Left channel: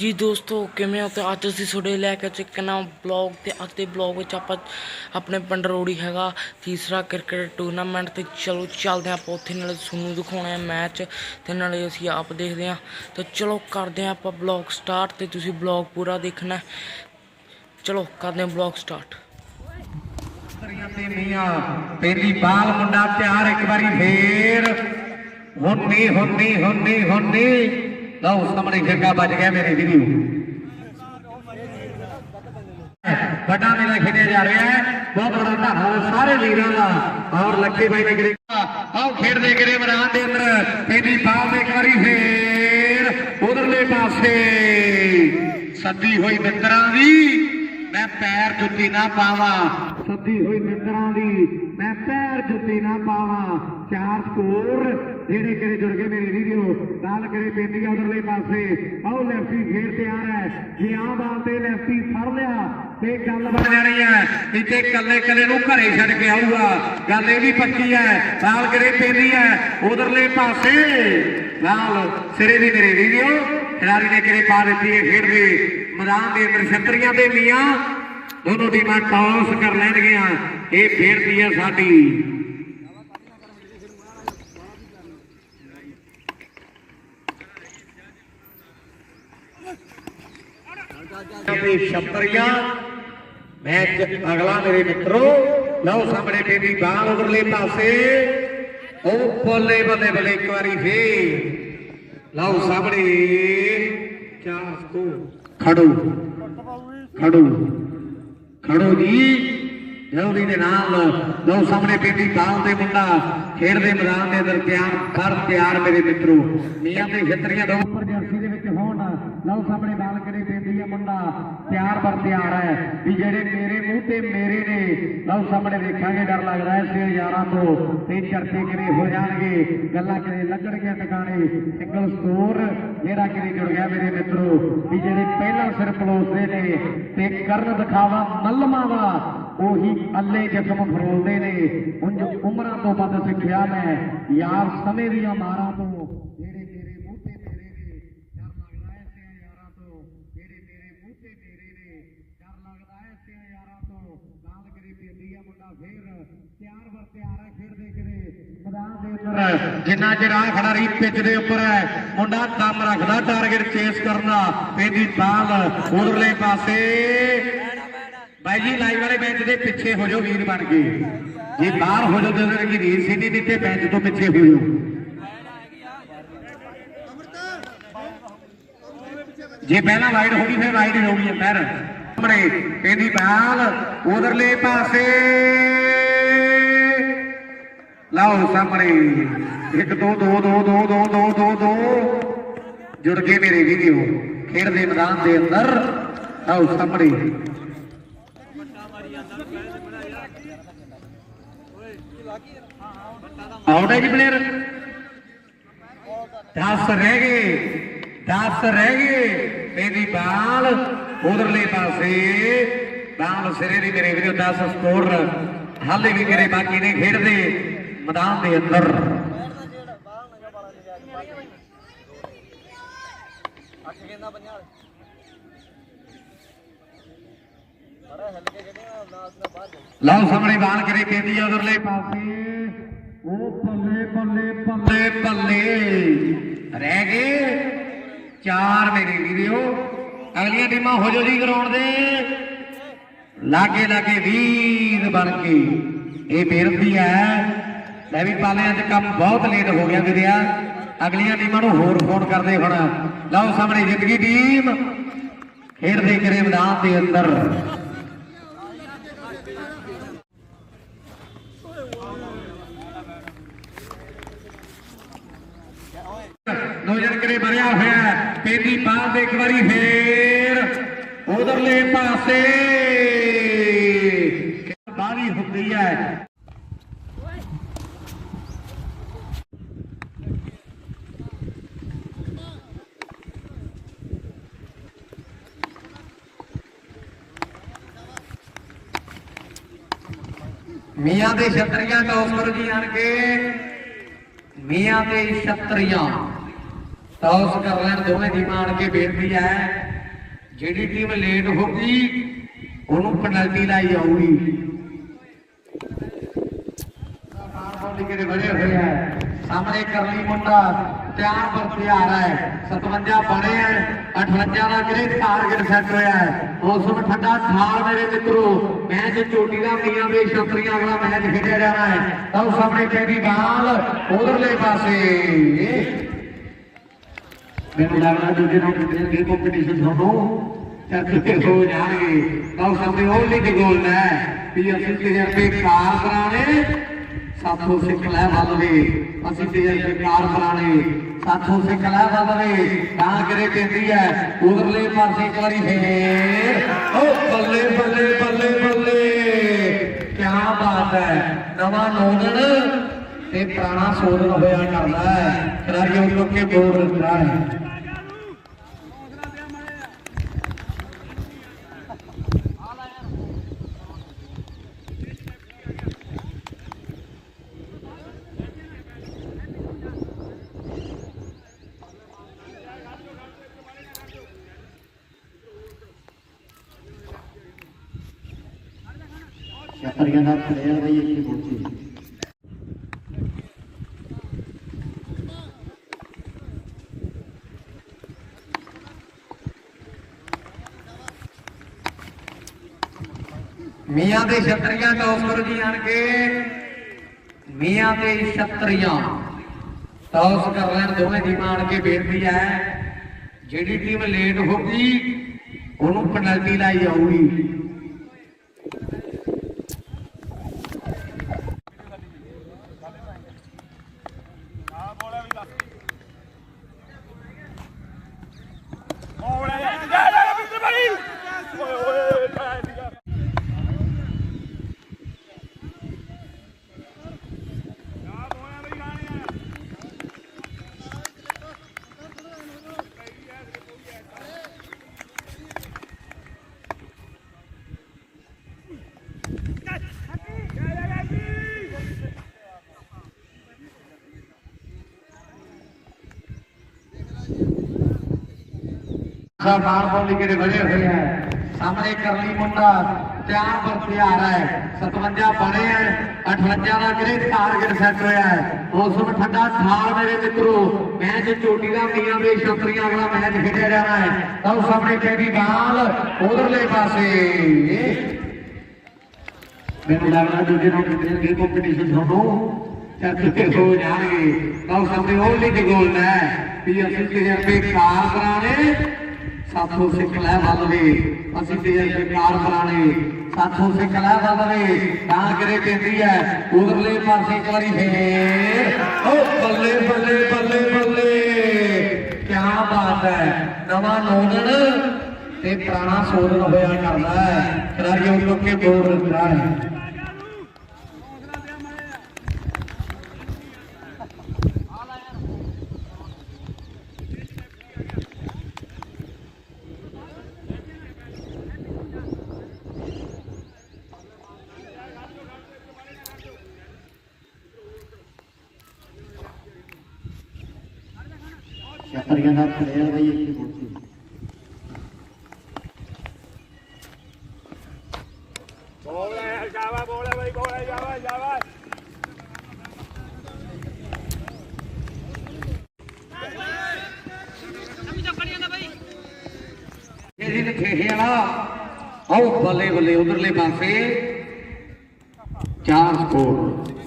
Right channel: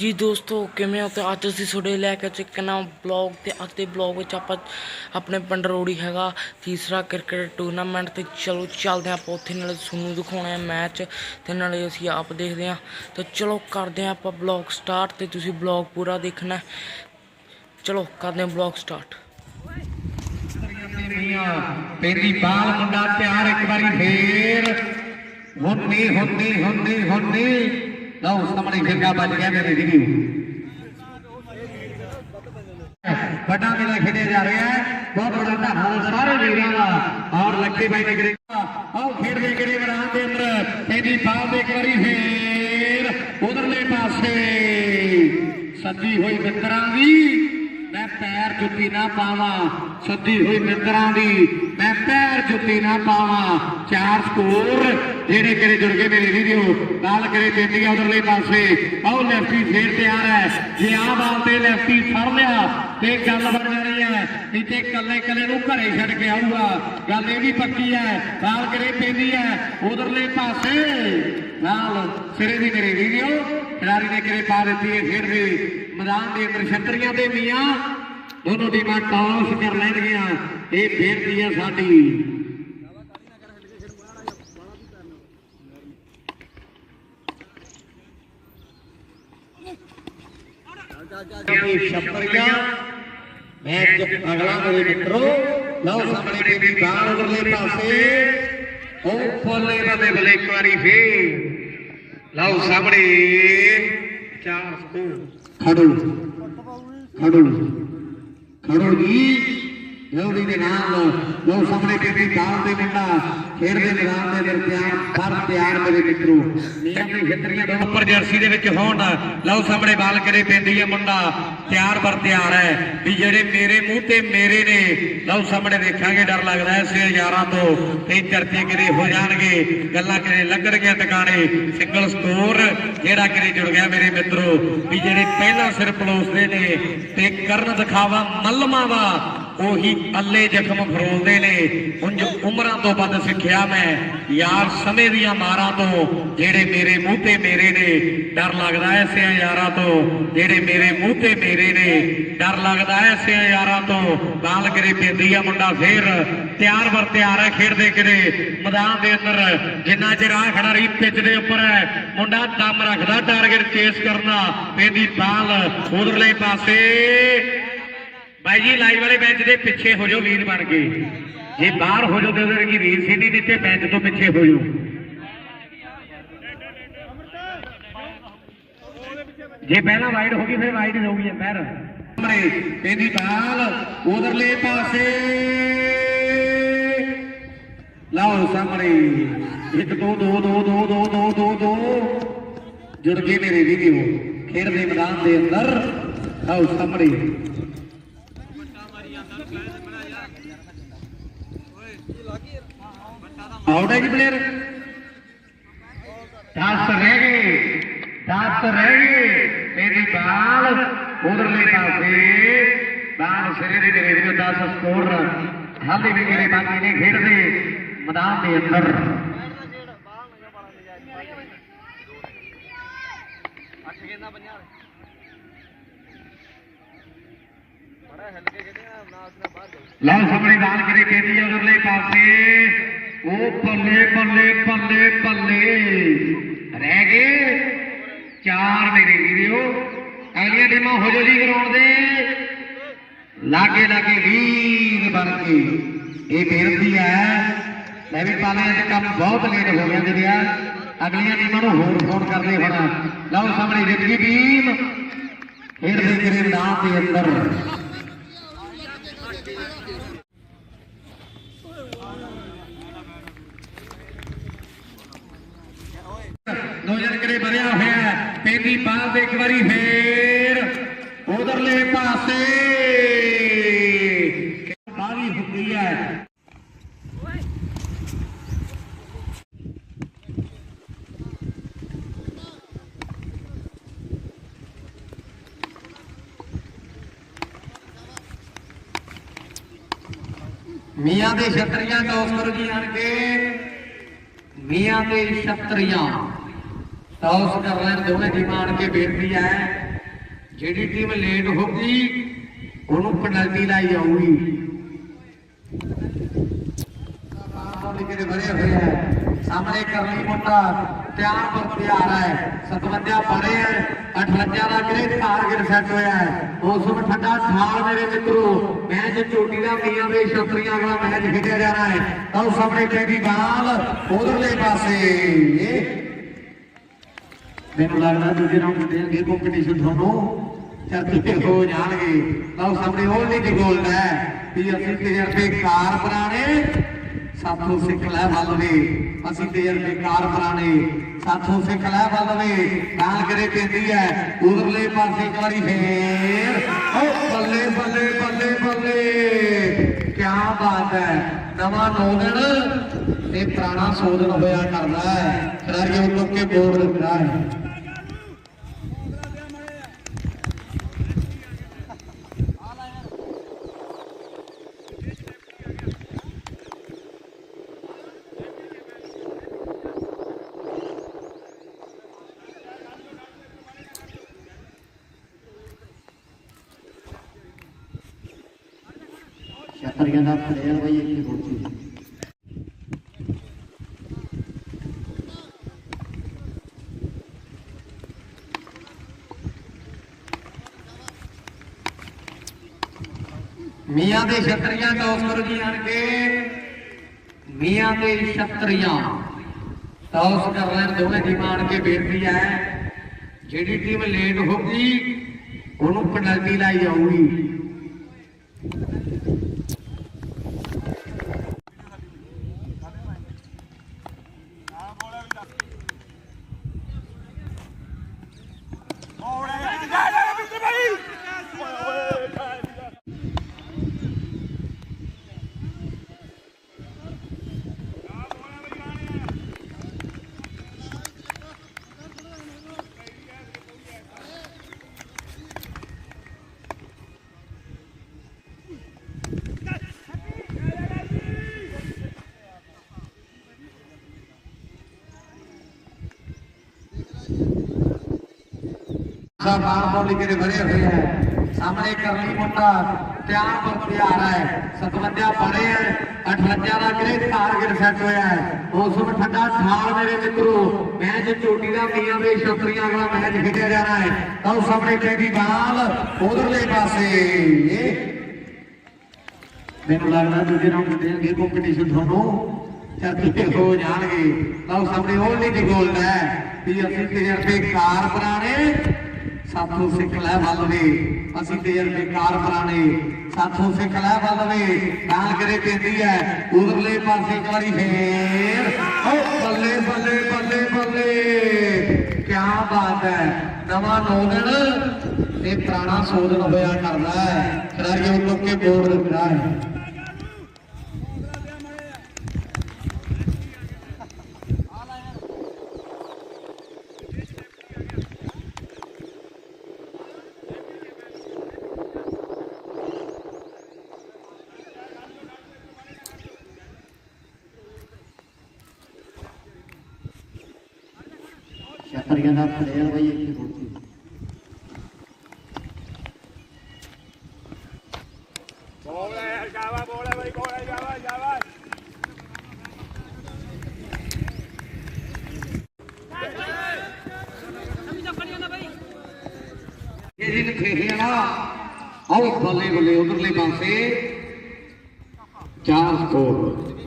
ਜੀ ਦੋਸਤੋ, ਕਿਵੇਂ ਹੋ? ਤੇ ਅੱਜ ਅਸੀਂ ਤੁਹਾਡੇ ਲੈ ਕੇ ਚੱਕ ਨਵਾਂ ਬਲੌਗ ਤੇ ਅੱਜ ਦੇ ਬਲੌਗ ਵਿੱਚ ਆਪਾਂ ਆਪਣੇ ਪਿੰਡ ਰੋੜੀ ਹੈਗਾ, ਤੀਸਰਾ ਕ੍ਰਿਕਟ ਟੂਰਨਾਮੈਂਟ ਤੇ ਚਲੋ ਚੱਲਦੇ ਹਾਂ ਆਪਾਂ ਉੱਥੇ, ਨਾਲੇ ਤੁਹਾਨੂੰ ਦਿਖਾਉਣਾ ਹੈ ਮੈਚ ਤੇ ਨਾਲੇ ਅਸੀਂ ਆਪ ਦੇਖਦੇ ਹਾਂ। ਤੇ ਚਲੋ ਕਰਦੇ ਹਾਂ ਆਪਾਂ ਬਲੌਗ ਸਟਾਰਟ ਤੇ ਤੁਸੀਂ ਬਲੌਗ ਪੂਰਾ ਦੇਖਣਾ ਚਲੋ ਕਰਦੇ ਹਾਂ ਬਲੌਗ ਸਟਾਰਟ ਮੀਆਂ ਬਾਲ ਮੁੰਡਾ ਤਿਆਰ, ਇੱਕ ਵਾਰੀ ਫੇਰ। ਹੁੰਨੀ ਹੁੰਨੀ ਹੁੰਨੀ ਹੁੰਨੀ। ਲਓ, ਸਾਹਮਣੇ ਫਿਰਗਾ ਵੱਜ ਗਿਆ ਮੇਰੇ ਵੀਡੀਓ ਵੱਡਾ ਮੇਲਾ ਖੇਡਿਆ ਜਾ ਰਿਹਾ ਹੈ। ਬਹੁਤ ਬੜਾ ਧੰਨਵਾਦ ਸਾਰੇ ਵੀਰਾਂ ਦਾ ਔਰ ਲੱਕੀ ਬਾਈ ਨੇ ਕਰੀ ਆਓ ਖੇਡਦੇ ਕਰੇ ਮੈਦਾਨ ਦੇ ਅੰਦਰ। ਤੇਰੀ ਬਾਲ ਇੱਕ ਵਾਰੀ ਫੇਰ ਉਧਰਲੇ ਪਾਸੇ। ਸੱਦੀ ਹੋਈ ਮਿੱਤਰਾਂ ਦੀ। ਮੈਂ ਪੈਰ ਜੁੱਤੀ ਨਾ ਪਾਵਾਂ। ਸੁੱਤੀ ਹੋਈ ਮਿੱਤਰਾਂ ਦੀ। ਮੈਂ ਪੈਰ ਜੁੱਤੀ ਨਾ ਪਾਵਾਂ। ਚਾਰ ਸਕੋਰ। ਜਿਹੜੇ ਕਿਰੇ ਜੁੜ ਗਏ ਮੇਰੇ ਵੀਡੀਓ ਨਾਲ ਕਰੇ ਬੇਟੀ ਉਧਰਲੇ ਪਾਸੇ। ਆਹ ਲੈਫਟੀ ਫੇਰ ਤਿਆਰ ਹੈ। ਜੇ ਆਹ ਬਾਲ ਤੇ ਲੈਫਟੀ ਫੜ ਲਿਆ, ਤੇ ਗੱਲ ਬਣ ਜਾਣੀ ਹੈ। ਇੱਥੇ ਕੱਲੇ ਕੱਲੇ ਨੂੰ ਘਰੇ ਛੱਡ ਕੇ ਆਊਗਾ। ਗੱਲ ਇਹ ਵੀ ਪੱਕੀ ਹੈ, ਬਾਲ ਕਰੇ ਪੈਂਦੀ ਹੈ। ਉਧਰਲੇ ਪਾਸੇ। ਨਾਲ ਸਿਰੇ ਦੀ ਮੇਰੇ ਵੀਡੀਓ ਖਿਡਾਰੀ ਨੇ ਕਰੇ ਪਾ ਦਿੱਤੀ ਹੈ ਖੇਡ ਦੇ? ਮੈਦਾਨ ਦੇ ਅੰਦਰ ਛਤਰੀਆਂ ਦੇ ਮੀਆਂ। ਦੋਨੋਂ ਟੀਮਾਂ ਟਾਸ ਕਰ ਲੈਣਗੀਆਂ। ਇਹ ਫੇਰਦੀ ਹੈ ਸਾਡੀ। ਤੇ ਮੈਚ ਅਗਲਾ ਮੇਰੇ ਮਿੱਤਰੋ, ਲਓ ਸਾਹਮਣੇ ਬੇਬੀ ਬਾਹਰ ਉਧਰਲੇ ਪਾਸੇ। ਉਹ ਫੋਲੇ ਬੰਦੇ ਬੱਲੇ ਇੱਕ ਵਾਰੀ ਫੇਰ। ਲਓ ਸਾਹਮਣੇ। ਚਾਰ ਸਕੋ ਖੜੋ। ਖੜੋ। ਖੜੋ ਜੀ। ਜਲਦੀ ਦੇ ਨਾਲ ਲਓ ਸਾਹਮਣੇ ਬੀਬੀ ਬਾਲ ਦੇ ਮੁੰਡਾ ਖੇਡਦੇ ਮੈਦਾਨ ਦੇ ਅੰਦਰ ਤਿਆਰ ਕਰ ਤਿਆਰ ਮੇਰੇ ਮਿੱਤਰੋ। ਮੀਆਂ ਤੇ ਖੇਤਰੀਆਂ ਦੋ ਉੱਪਰ ਜਰਸੀ ਦੇ ਵਿੱਚ ਹੋਣ ਲਓ ਸਾਹਮਣੇ ਬਾਲ ਕਰੇ ਪੈਂਦੀ ਹੈ ਮੁੰਡਾ। ਤਿਆਰ ਬਰ ਤਿਆਰ ਹੈ ਵੀ ਜਿਹੜੇ ਮੇਰੇ ਮੂੰਹ ਤੇ ਮੇਰੇ ਨੇ, ਲਓ ਸਾਹਮਣੇ ਦੇਖਾਂਗੇ, ਡਰ ਲੱਗਦਾ ਹੈ ਸੇ ਯਾਰਾਂ ਤੋਂ। ਤੇ ਚਰਚੇ ਕਿਤੇ ਹੋ ਜਾਣਗੇ। ਗੱਲਾਂ ਕਿਰੇ ਲੱਗਣਗੀਆਂ ਟਿਕਾਣੇ। ਸਿੰਗਲ ਸਕੋਰ ਜਿਹੜਾ ਕਿਤੇ ਜੁੜ ਗਿਆ ਮੇਰੇ ਮਿੱਤਰੋ। ਵੀ ਜਿਹੜੇ ਪਹਿਲਾਂ ਸਿਰ ਪਲੋਸਦੇ ਨੇ, ਤੇ ਕਰਨ ਦਿਖਾਵਾ ਮੱਲਮਾਂ ਦਾ ਉਹੀ ਅੱਲੇ ਜ਼ਖਮ ਫਰੋਲਦੇ ਨੇ। ਉਂਝ ਉਮਰਾਂ ਤੋਂ ਵੱਧ ਸਿੱਖਿਆ ਮੈਂ। ਯਾਰ ਸਮੇਂ ਦੀਆਂ ਮਾਰਾਂ ਤੋਂ, ਜਿਹੜੇ ਮੇਰੇ ਮੂੰਹ ਤੇ ਮੇਰੇ ਨੇ, ਡਰ ਲੱਗਦਾ ਐ ਸਿਆ ਯਾਰਾਂ ਤੋਂ। ਜਿਹੜੇ ਮੇਰੇ ਮੂੰਹ ਤੇ ਮੇਰੇ ਨੇ, ਡਰ ਲੱਗਦਾ ਐ ਸਿਆ ਯਾਰਾਂ ਤੋਂ। ਬਾਲ ਕਰੇ ਪੈਂਦੀ ਆ ਮੁੰਡਾ ਫੇਰ। ਤਿਆਰ ਵਰ ਤਿਆਰ ਹੈ ਖੇਡਦੇ ਕਿਰੇ ਮੈਦਾਨ ਦੇ ਅੰਦਰ ਜਿੰਨਾ ਚਿਰ ਆ ਖੜਾ ਰਹੀ ਪਿੱਚ ਦੇ ਉੱਪਰ ਹੈ ਮੁੰਡਾ ਦਮ ਰੱਖਦਾ ਟਾਰਗੇਟ ਚੇਸ ਕਰਨਾ ਪੈਂਦੀ ਬਾਲ ਉਧਰਲੇ ਪਾਸੇ ਬਾਈ ਜੀ ਲਾਈਵ ਵਾਲੇ ਬੈਂਚ ਦੇ ਪਿੱਛੇ ਹੋ ਜਾਓ, ਵੀਰ ਬਣ ਕੇ। ਜੇ ਬਾਹਰ ਹੋ ਜਾਓ, ਤਾਂ ਕਿ ਵੀਰ ਸੀ ਦਿੱਤੇ, ਬੈਂਚ ਤੋਂ ਪਿੱਛੇ ਹੋ ਜਾਓ। ਜੇ ਪਹਿਲਾਂ ਵਾਈਡ ਹੋ ਗਈ, ਫਿਰ ਵਾਈਡ ਹੋ ਗਈ, ਅੰਦਰ। ਸਾਹਮਣੇ ਇਹਦੀ ਬਾਲ, ਉਧਰਲੇ ਪਾਸੇ। ਲਾਓ, ਸਾਹਮਣੇ। 1 2 2 2 2 2 2 2 2 ਜੁੜ ਕੇ ਮੇਰੇ ਵੀਡੀਓ ਖੇਡ ਦੇ ਮੈਦਾਨ ਦੇ ਅੰਦਰ। ਆਓ ਸਾਹਮਣੇ। ਆਊਟ ਹੈ ਜੀ ਪਲੇਅਰ 10 ਰਹਿ ਗਏ 10 ਰਹਿ ਗਏ। ਮੇਰੀ ਬਾਲ ਉਧਰਲੇ ਪਾਸੇ, ਬਾਲ ਸਿਰੇ ਦੀ ਮੇਰੇ ਵੀਰੋ 10 ਸਕੋਰ ਹਾਲੇ ਵੀ ਮੇਰੇ ਬਾਕੀ ਨੇ ਖੇਡਦੇ ਮੈਦਾਨ ਦੇ ਅੰਦਰ। ਲਓ ਸਾਹਮਣੇ ਬਾਲ ਕਰੇ ਪੈਂਦੀ ਹੈ ਉਧਰਲੇ ਪਾਸੇ। ਉਹ ਬੱਲੇ ਬੱਲੇ ਬੱਲੇ ਬੱਲੇ ਰਹਿ ਗਏ। ਚਾਰ ਮੇਰੇ ਵੀਰੋ। ਅਗਲੀਆਂ ਟੀਮਾਂ ਹੋ ਜੋ ਜੀ ਗਰਾਊਂਡ ਦੇ। ਲਾਗੇ ਲਾਗੇ ਵੀਰ ਬਣ ਕੇ। ਇਹ ਬੇਨਤੀ ਹੈ, ਮੈਂ ਵੀ ਪਾਲਿਆਂ ਅੱਜ ਕੰਮ ਬਹੁਤ ਲੇਟ ਹੋ ਗਿਆ ਵੀਰਿਆ ਅਗਲੀਆਂ ਟੀਮਾਂ ਨੂੰ ਹੋਰ ਫੋਨ ਕਰਦੇ ਹੁਣ। ਲਓ ਸਾਹਮਣੇ ਜਿੱਤ ਗਈ ਟੀਮ। ਖੇਡਦੇ ਕਰੇ ਮੈਦਾਨ ਦੇ ਅੰਦਰ। ਨੌਜਰ ਕਰੇ ਭਰਿਆ ਹੋਇਆ ਪੈਂਦੀ ਬਾਲ ਦੇ ਇੱਕ ਵਾਰੀ ਫੇਰ ਉਧਰਲੇ ਪਾਸੇ। ਬਾਰੀ ਹੁੰਦੀ ਹੈ। ਮੀਆਂ ਦੇ ਛਤਰੀਆਂ ਟੌਸ ਕਰੋ ਜੀ ਆਣ ਕੇ। ਮੀਆਂ ਤੇ ਛਤਰੀਆਂ। ਟੌਸ ਕਰ ਲੈਣ ਦੋਵੇਂ ਟੀਮਾਂ ਆਣ ਕੇ ਬੇਨਤੀ ਹੈ। ਜਿਹੜੀ ਟੀਮ ਲੇਟ ਗਈ ਉਹਨੂੰ ਪੈਨਲਟੀ ਲਾਈ ਜਾਊਗੀ। ਬਾਹਰ ਬਣੇ ਹੋਏ ਹੈ ਸਾਹਮਣੇ ਕਰਲੀ ਮੁੰਡਾ, ਤਿਆਰ ਪਰ ਤਿਆਰ ਹੈ। 57 ਬਣੇ ਹੈ 58 ਦਾ ਗ੍ਰੇ ਟਾਰਗੇਟ ਸੈੱਟ ਹੋਇਆ ਹੈ। ਮੌਸਮ ਠੰਡਾ ਠਾਰ ਮੇਰੇ ਮਿੱਤਰੋ, ਮੈਚ ਚੋਟੀ ਦਾ ਮੀਆਂ ਦੇ ਛਤਰੀਆਂ ਵਾਲਾ ਮੈਚ ਖੇਡਿਆ ਜਾਣਾ ਹੈ। ਤਾਂ ਸਾਹਮਣੇ ਪੈਦੀ ਬਾਲ, ਉਧਰਲੇ ਪਾਸੇ। ਮੈਨੂੰ ਲੱਗਦਾ ਦੂਜੇ ਰਾਉਂਡ ਦੇਣਗੇ ਕੰਪੀਟੀਸ਼ਨ ਤੁਹਾਨੂੰ ਚਰਚੇ ਹੋ ਜਾਣਗੇ। ਤਾਂ ਸਾਹਮਣੇ ਓਨਲੀ ਗੋਲ ਹੈ। ਵੀ ਅਸੀਂ ਤਜਰਬੇਕਾਰ ਪੁਰਾਣੇ, ਸਾਥੋਂ ਸਿੱਖ ਲੈ ਵੱਲਵੇ। ਅਸੀਂ ਤਜਰਬੇਕਾਰ ਪੁਰਾਣੇ, ਸਾਥੋਂ ਸਿੱਖ ਲੈ ਵੱਲਵੇ। ਤਾਂ ਕਰੇ ਕਹਿੰਦੀ ਹੈ, ਉਧਰਲੇ ਪਾਸੇ ਇੱਕ ਵਾਰੀ ਫੇਰ। ਓ ਬੱਲੇ ਬੱਲੇ ਬੱਲੇ ਬੱਲੇ। ਕੀ ਬਾਤ ਹੈ। ਨਵਾਂ ਦਿਨ ਤੇ ਪੁਰਾਣਾ ਸੋਧਨ ਹੋਇਆ ਕਰਦਾ ਹੈ। ਖਿਡਾਰੀਆਂ ਉੱਤੋਂ ਕੇ ਬੋਰਡ ਦਿੰਦਾ ਹੈ। ਛਤਰੀਆਂ ਦਾ ਪਲੇਅਰ ਬਈ ਇੱਥੇ ਪਹੁੰਚੀ ਮੀਆਂ ਦੇ ਛਤਰੀਆਂ ਟੌਸ ਕਰੋ ਜੀ ਆਣ ਕੇ, ਮੀਆਂ ਦੇ ਛਤਰੀਆਂ ਟੌਸ ਕਰ ਲੈਣ ਦੋਵੇਂ ਟੀਮਾਂ ਆਣ ਕੇ ਬੇਨਤੀ ਹੈ, ਜਿਹੜੀ ਟੀਮ ਲੇਟ ਹੋਗੀ ਉਹਨੂੰ ਪੈਨਲਟੀ ਲਾਈ ਜਾਊਗੀ। ਸਾ ਬਾਹਰ ਤੋਂ ਲਿਖੇ ਬਣੇ ਹੋਏ ਹੈ ਸਾਹਮਣੇ ਕਰਲੀ ਮੁੰਡਾ ਤਿਆਰ ਪਰ ਤਿਆਰ ਹੈ 57 ਬਣੇ ਹੈ 58 ਦਾ ਗ੍ਰੇ ਟਾਰਗੇਟ ਸੈੱਟ ਹੋਇਆ ਹੈ। ਮੌਸਮ ਠੰਡਾ ਠਾਰ ਮੇਰੇ ਮਿੱਤਰੋ, ਮੈਚ ਚੋਟੀ ਦਾ ਮੀਆਂ ਦੇ ਛਤਰੀਆਂ ਵਾਲਾ ਮੈਚ ਖੇਡਿਆ ਜਾਣਾ ਹੈ। ਤਾਂ ਸਾਹਮਣੇ ਪੈਦੀ ਬਾਲ ਉਧਰਲੇ ਪਾਸੇ। ਮੈਨੂੰ ਲੱਗਦਾ ਦੂਜੇ ਰਾਉਂਡ ਦੇਣਗੇ ਕੰਪੀਟੀਸ਼ਨ ਤੁਹਾਨੂੰ ਚਰਚੇ ਹੋ ਜਾਣਗੇ। ਤਾਂ ਸਾਹਮਣੇ ਓਨਲੀ ਗੋਲ ਹੈ ਵੀ ਅਸੀਂ ਤਜਰਬੇਕਾਰ ਪੁਰਾਣੇ ਸਾਥੋਂ ਸਿੱਖ ਲੈ ਵੱਲਵੇ। ਅਸੀਂ ਤਜਰਬੇਕਾਰ ਪੁਰਾਣੇ ਸਾਥੋਂ ਸਿੱਖ ਲੈ ਵੱਲਵੇ। ਤਾਂ ਕਰੇ ਕਹਿੰਦੀ ਹੈ ਉਧਰਲੇ ਪਾਸੇ ਇੱਕ ਵਾਰੀ ਫੇਰ। ਓ ਬੱਲੇ ਬੱਲੇ ਬੱਲੇ ਬੱਲੇ। ਕੀ ਬਾਤ ਹੈ ਨਵਾਂ ਨੌਦਣ ਤੇ ਪੁਰਾਣਾ ਸੋਧਨ ਹੋਇਆ ਕਰਦਾ ਹੈ ਖਿਡਾਰੀਆਂ ਉੱਤੋਂ ਕੇ ਬੋਲ ਦਿੰਦਾ ਹੈ ਦਾ ਪਲੇਅਰ ਬਈ ਇੱਥੇ ਪਹੁੰਚੀ ਇਹ ਦਿਨ ਖੇਡਿਆ ਉਹ ਬੱਲੇ ਬੱਲੇ ਉਧਰਲੇ ਪਾਸੇ ਚਾਰ ਸਕੋਰ।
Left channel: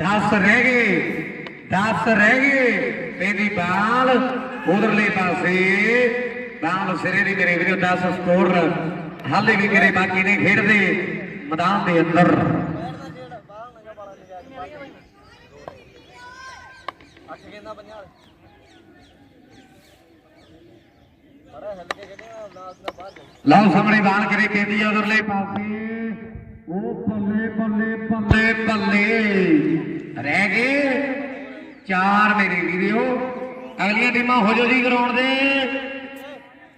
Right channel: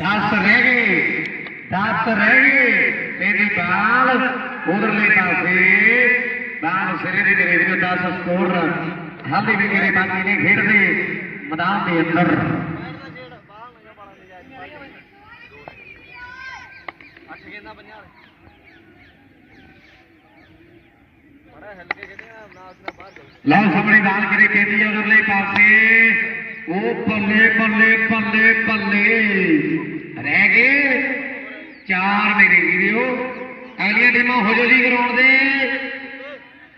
ਦਸ ਰਹਿ ਗਏ, ਦਸ ਰਹਿ ਗਏ, ਤੇਰੀ ਬਾਲ ਉਧਰਲੇ ਪਾਸੇ, ਬਾਲ ਸਿਰੇ ਦੇ ਮੇਰੇ ਵੀਰੋ 10 ਸਕੋਰ। ਹਾਲੇ ਵੀ ਮੇਰੇ ਬਾਕੀ ਨੇ ਖੇਡਦੇ, ਮੈਦਾਨ ਦੇ ਅੰਦਰ। ਲਓ ਸਾਹਮਣੇ ਬਾਲ ਕਰੇ ਪੈਂਦੀ ਉਧਰਲੇ ਪਾਸੇ। ਉਹ ਬੱਲੇ ਬੱਲੇ ਬੱਲੇ ਬੱਲੇ ਰਹਿ ਗਏ। ਚਾਰ ਮੇਰੇ ਵੀਰੋ। ਅਗਲੀਆਂ ਟੀਮਾਂ ਹੋ ਜੋ ਜੀ ਗਰਾਊਂਡ ਦੇ।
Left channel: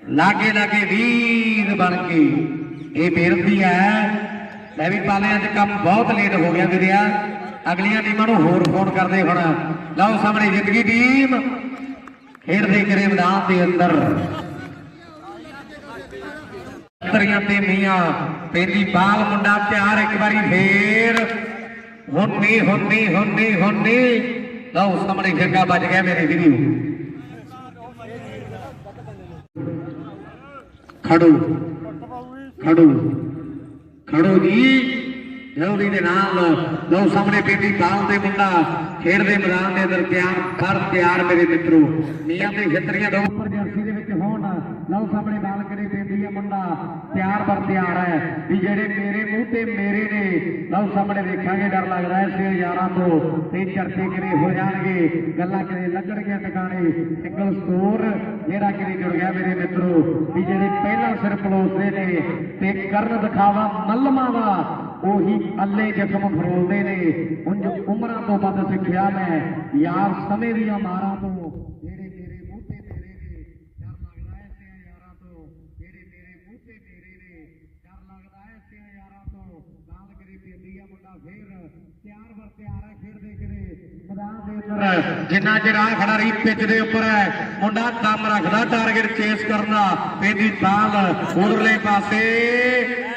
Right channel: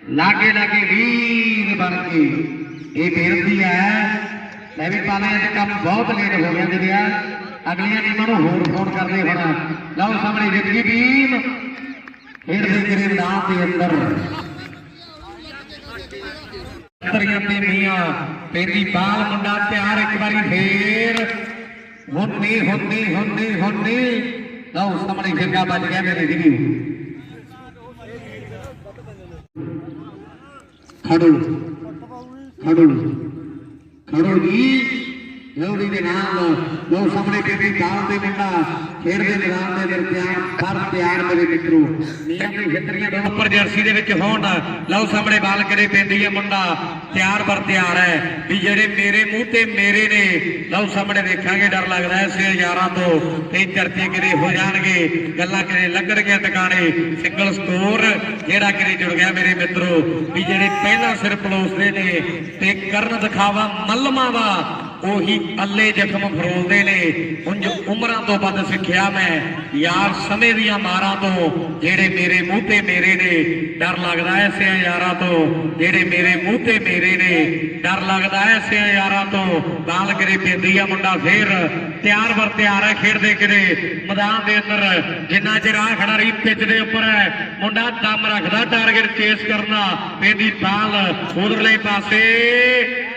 ਲਾਗੇ ਲਾਗੇ ਵੀਰ ਬਣ ਕੇ। ਇਹ ਬੇਨਤੀ ਹੈ, ਮੈਂ ਵੀ ਪਾਲੇ ਅੱਜ ਕੰਮ ਬਹੁਤ ਲੇਟ ਹੋ ਗਿਆ ਵੀਰਿਆ ਅਗਲੀਆਂ ਟੀਮਾਂ ਨੂੰ ਹੋਰ ਫੋਨ ਕਰਦੇ ਹੁਣ। ਲਓ ਸਾਹਮਣੇ ਜਿੱਤ ਗਈ ਟੀਮ। ਖੇਡਦੇ ਕਰੇ ਮੈਦਾਨ ਦੇ ਅੰਦਰ। ਤਰੀਆਂ ਤੇ ਮੀਆਂ, ਤੇਰੀ ਬਾਲ ਮੁੰਡਾ ਤਿਆਰ ਇੱਕ ਵਾਰੀ ਫੇਰ। ਹੁੰਨੀ ਹੁੰਨੀ ਹੁੰਨੀ ਹੁੰਨੀ। ਲਓ, ਸਾਹਮਣੇ ਫਿਰਗਾ ਵੱਜ ਗਿਆ ਮੇਰੇ ਵੀਡੀਓ। ਖੜੋ। ਖੜੋ। ਖੜੋ ਜੀ। ਜਲਦੀ ਦੇ ਨਾਲ ਲਓ ਸਾਹਮਣੇ ਬੀਬੀ ਬਾਲ ਦੇ ਮੁੰਡਾ ਖੇਡਦੇ ਮੈਦਾਨ ਦੇ ਅੰਦਰ ਤਿਆਰ ਫਰ ਤਿਆਰ ਮੇਰੇ ਮਿੱਤਰੋ। ਨੀਆਂ ਦੇ ਖੇਤਰੀਆਂ ਦੋ ਉੱਪਰ ਜਰਸੀ ਦੇ ਵਿੱਚ ਹੋਣ ਲਓ ਸਾਹਮਣੇ ਬਾਲ ਕਰੇ ਪੈਂਦੀ ਹੈ ਮੁੰਡਾ। ਤਿਆਰ ਪਰ ਤਿਆਰ ਹੈ। ਵੀ ਜਿਹੜੇ ਮੇਰੇ ਮੂੰਹ ਤੇ ਮੇਰੇ ਨੇ, ਲਓ ਸਾਹਮਣੇ ਦੇਖਾਂਗੇ ਡਰ ਲੱਗਦਾ ਹੈ ਸੇ ਯਾਰਾਂ ਤੋਂ। ਤੇ ਚਰਚੇ ਕਿਤੇ ਹੋ ਜਾਣਗੇ, ਗੱਲਾਂ ਕਿਤੇ ਲੱਗਣਗੀਆਂ ਟਿਕਾਣੇ। ਸਿੰਗਲ ਸਕੋਰ ਜਿਹੜਾ ਕਿਤੇ ਜੁੜ ਗਿਆ ਮੇਰੇ ਮਿੱਤਰੋ। ਵੀ ਜਿਹੜੇ ਪਹਿਲਾਂ ਸਿਰ ਪਲੋਸਦੇ ਨੇ, ਤੇ ਕਰਨ ਦਿਖਾਵਾ ਮੱਲਮਾਂ ਦਾ ਉਹੀ ਅੱਲੇ ਜ਼ਖਮ ਫਰੋਲਦੇ ਨੇ। ਉਂਝ ਉਮਰਾਂ ਤੋਂ ਵੱਧ ਸਿੱਖਿਆ ਮੈਂ। ਯਾਰ ਸਮੇਂ ਦੀਆਂ ਮਾਰਾਂ ਤੋਂ, ਜਿਹੜੇ ਮੇਰੇ ਮੂੰਹ ਤੇ ਮੇਰੇ ਨੇ, ਡਰ ਲੱਗਦਾ ਐ ਸਿਆ ਯਾਰਾਂ ਤੋਂ। ਜਿਹੜੇ ਮੇਰੇ ਮੂੰਹ ਤੇ ਮੇਰੇ ਨੇ, ਡਰ ਲੱਗਦਾ ਐ ਸਿਆ ਯਾਰਾਂ ਤੋਂ। ਬਾਲ ਕਰੇ ਪੈਂਦੀ ਆ ਮੁੰਡਾ ਫੇਰ। ਤਿਆਰ ਵਰ ਤਿਆਰ ਹੈ ਖੇਡਦੇ ਕਿਤੇ। ਮੈਦਾਨ ਦੇ ਅੰਦਰ ਜਿੰਨਾ ਚਿਰ ਆ ਖੜਾ ਰਹੀ, ਪਿੱਚ ਦੇ ਉੱਪਰ ਹੈ ਮੁੰਡਾ ਦਮ ਰੱਖਦਾ ਟਾਰਗੇਟ ਚੇਸ ਕਰਨਾ ਪੈਂਦੀ ਬਾਲ ਉਧਰਲੇ ਪਾਸੇ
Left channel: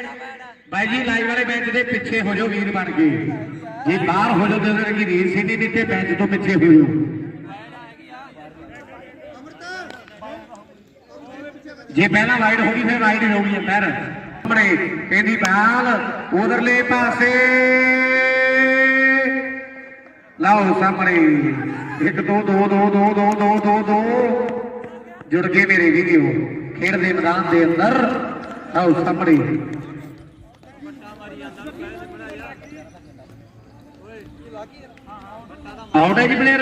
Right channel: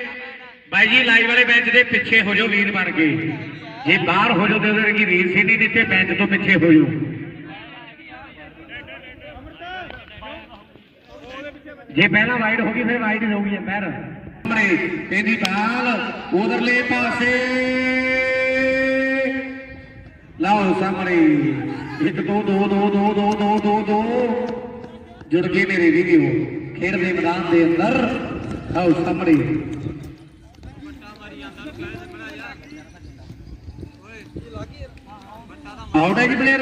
ਭਾਈ ਜੀ, ਲਾਈਵ ਵਾਲੇ ਬੈਂਚ ਦੇ ਪਿੱਛੇ ਹੋ ਜਾਓ ਵੀਰ ਬਣ ਕੇ। ਜੇ ਬਾਹਰ ਹੋ ਜਾਓ ਤਾਂ ਕਿ ਵੀਰ ਸੀ ਨਹੀਂ ਦਿੱਤੇ, ਬੈਂਚ ਤੋਂ ਪਿੱਛੇ ਹੋ ਜਾਓ। ਜੇ ਪਹਿਲਾਂ ਰਾਈਡ ਹੋ ਗਈ, ਫਿਰ ਰਾਈਡ ਹੋ ਗਈ ਪੈਰ ਸਾਹਮਣੇ ਇਹਦੀ ਬਾਲ, ਉਧਰਲੇ ਪਾਸੇ। ਲਾਓ ਸਾਹਮਣੇ। 1 2 2 2 2 2 2 2 2 ਜੁੜ ਕੇ ਮੇਰੇ ਵੀਡੀਓ ਖੇਡ ਦੇ ਮੈਦਾਨ ਦੇ ਅੰਦਰ। ਆਓ ਸਾਹਮਣੇ। Out player